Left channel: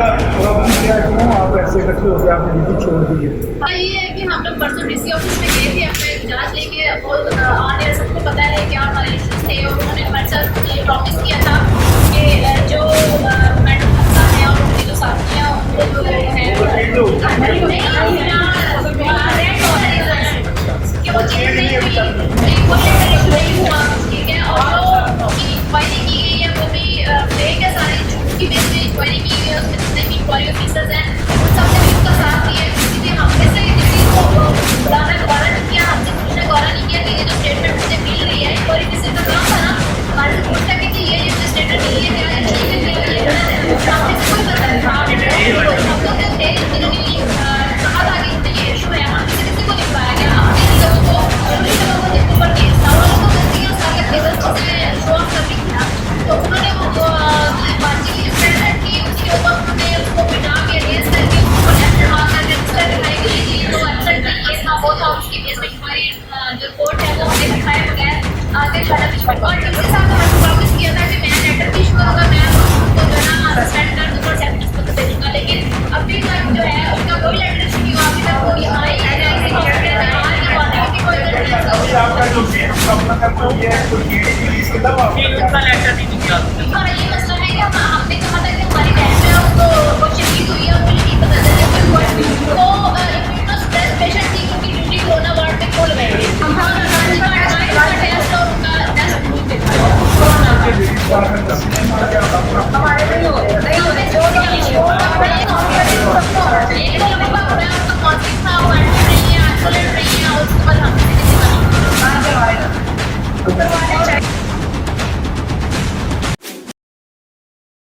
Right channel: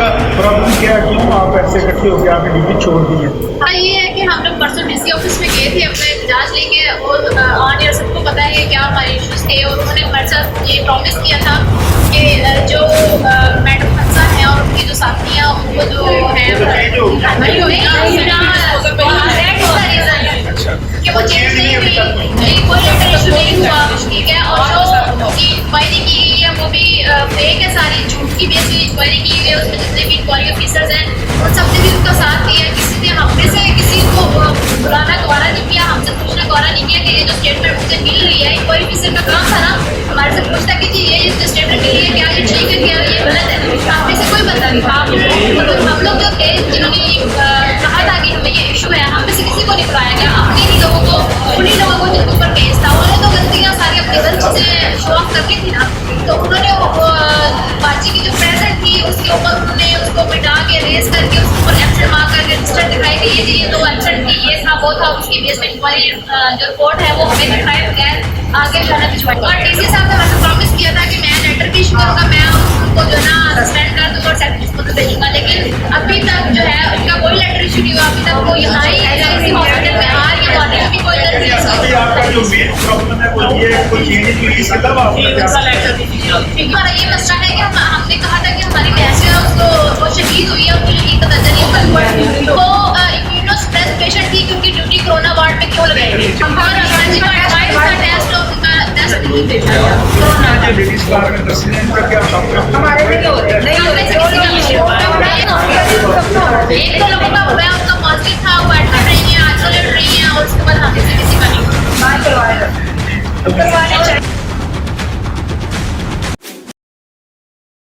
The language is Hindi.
आपका प्रॉब्लम क्या है, क्यों आप ऐसे इकट्ठे होकर आपने ड्यूटी छोड़ दी है? ये है कि हम लोग परसों डीसी ऑफिस में गए थे अपना इजाज़ लेके, और ऑन एयर सबको पता है क्या हमारे इश्यूज़ थे, और उन्होंने हमारे साथ ये प्रॉमिस किया था कि जो मैडम हफ्सा हैं और उनकी जो साथियाँ उनको जो है कि वो चेंज नहीं हुई, कोई लेटर इशू नहीं हुआ, ठीक है। और जो इंक्वायरी की गई है वो भी फेक है, सारी झूठ की बेस पे इंक्वायरी की गई है। उसमें जितने भी इंक्वायरी ऑफिसर्स हैं उन सबने भी उसका साथ दिया है। किसी ने हमने से किसी को बुलाना गौरा नहीं किया, हमसे पूछना गौरा नहीं किया कि ये जो स्टेटमेंट मुझे मिल रही है, इंक्वायरी ऑफिसर का काम था ना हमारे से पूछता कि जी ये स्टेटमेंट मिली है, क्या ये ठीक है, क्या ये गलत है। हमने से कोई बता नहीं, हम लोग जो थे जिन्होंने कहा था कि हमें ये इशू है, हम में से किसी को नहीं बुलाया गया। अपने ही लोगों को, उन्हीं लोगों को जिनके ऊपर केस था, उन्होंने तो गलतियाँ सारी अपनी गलत चीज़ें शो ऑफ करनी थी ना, तो उन्होंने वो बाजी की जो प्रेजेंट थी उसके ऊपर उन्होंने उसको मिटा के रेस करके उसके ऊपर एक्शन मार करके रजिस्टर दिखाई कि ये तो एक्शन थी, ये था वो था, उसकी बेस पे इंक्वायरी जो रिपोर्ट है वो हमें दिखाए बगैर आगे जाना भिजवाई। और डीसी साहब ने मैंने प्रॉमिस किया था कि मैं लेटर भी इशू करूँगा, मैं उनको जो है ना सस्पेंड कर दूँगा और सेक्रेटरी को तो भेजूँगा, लेकिन अभी तक जो है उनका कोई लेटर इशू नहीं हुआ। अभी तक वो यहाँ ही इसी हॉस्पिटल में आ रही है, वार्ड में भी कोई लेटर नहीं अभी आपका जो मेन प्रॉब्लम है वो ये कोई चेंज की इसके अलावा आपका क्या? हमारा ये मसला है कि हमने कहा था कि हमारी बहन जो है उसको वो शहीद हुई है, उनको यकीन पता चली है, पर वो इम्यूनोसप्रेस पेशेंट थी क्योंकि ड्यूटी कोरोना वार्ड में क्यों लगाई गई। हमारा टेस्ट और उनका टेस्ट नहीं भेजा कोरोना का। लेडीज बार में दस दिन का क्या हमारे नहीं हो रहे, नहीं हो रहे, एक तो लोगों का हुआ है, उनका पॉजिटिव था, वो एडमिट रही है, आइसोलेट रही है, और उसके बाद हमें से किसी का नहीं हुआ। करवाए